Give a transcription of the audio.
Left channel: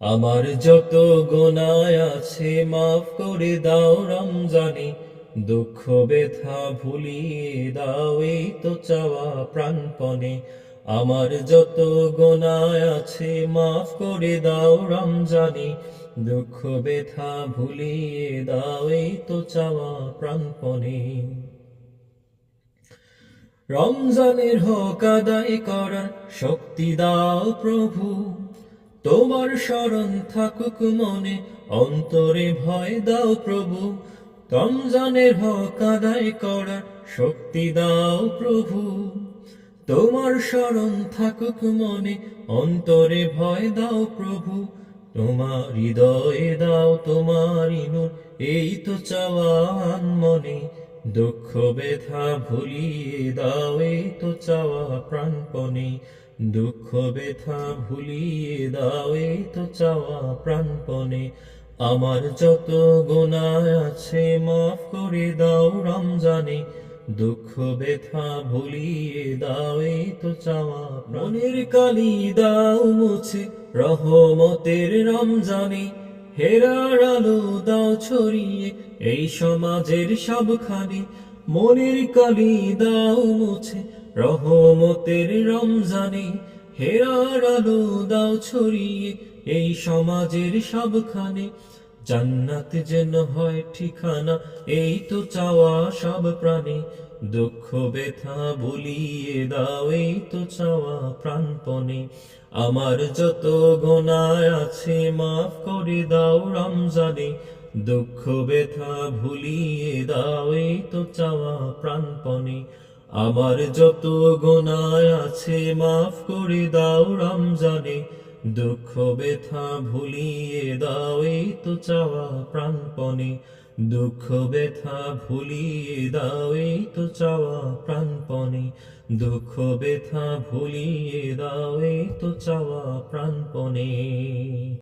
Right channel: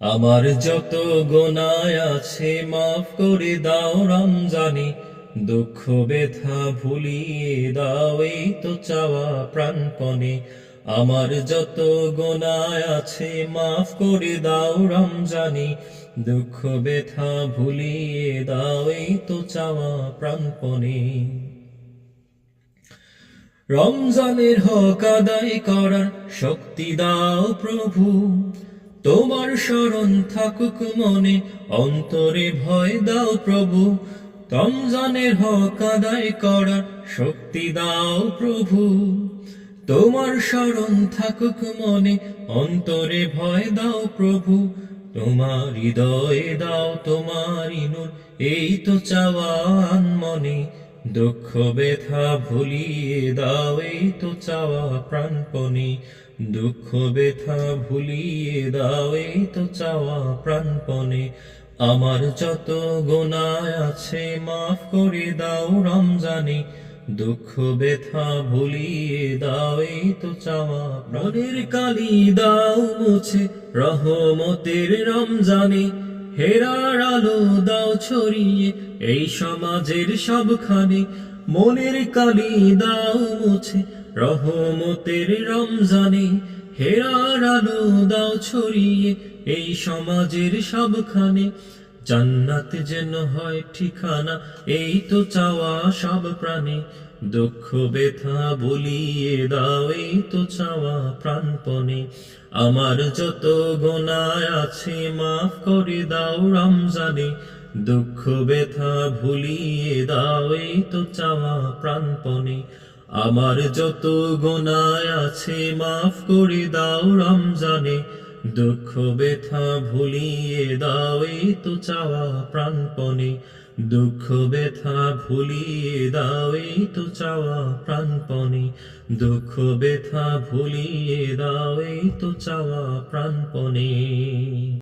আমার যত গোনায় আছে মাফ করে দাও রমজানে, দুঃখ, ব্যথা ভুলিয়ে দাও এই তো চাওয়া প্রাণপণে। আমার যত গোনায় আছে মাফ করে দাও রমজানে, দুঃখ, ব্যথা ভুলিয়ে দাও এই তো চাওয়া প্রাণপণে। রমজানের হক আদায় করার শক্তি দাও প্রভু। তোমার শরণ থাকুক মনে, অন্তরে ভয় দাও প্রভু। রমজানের হক আদায় করার শক্তি দাও প্রভু। তোমার শরণ থাকুক মনে, অন্তরে ভয় দাও প্রভু। তোমার হৃদয়ে দাও তোমার ইনুর, এই তো চাওয়ান মনে। দুঃখ, ব্যথা ভুলিয়ে দাও, এই তো চাওয়া প্রাণপণে। দুঃখ ব্যথা ভুলিয়ে দাও এই তো চাওয়া প্রাণপণে। আমার যত গোনায় আছে মাফ করে দাও রমজানে। দুঃখ ব্যথা ভুলিয়ে দাও এই তো চাওয়া মনের কালি দাও মুছে রহমতের রমজানে। হেরার আলো দাও ছড়িয়ে এই সমাজের সবখানে। মনের কালি দাও মুছে রহমতের রমজানে হেরার আলো দাও ছড়িয়ে এই সমাজের সবখানে। জান্নাত যেন হয় ঠিকানা, এই তো চাওয়া সব প্রাণে। দুঃখ, ব্যথা বলিয়ে দাও, এই তো চাওয়া প্রাণপণে। আমার যত গোনায় আছে মাফ করে দাও রমজানে। দুঃখ, ব্যথা ভুলিয়ে দাও, এই তো চাওয়া প্রাণপণে। আমার যত গোনায় আছে মাফ করে দাও রমজানে। দুঃখ, ব্যথা ভুলিয়ে দাও এই তো চাওয়া প্রাণপণে। দুঃখ, ব্যথা ভুলিয়ে দাও এই তো চাওয়া প্রাণপণে। দুঃখ, ব্যথা ভুলিয়ে দাও এই তো চাওয়া প্রাণপণে।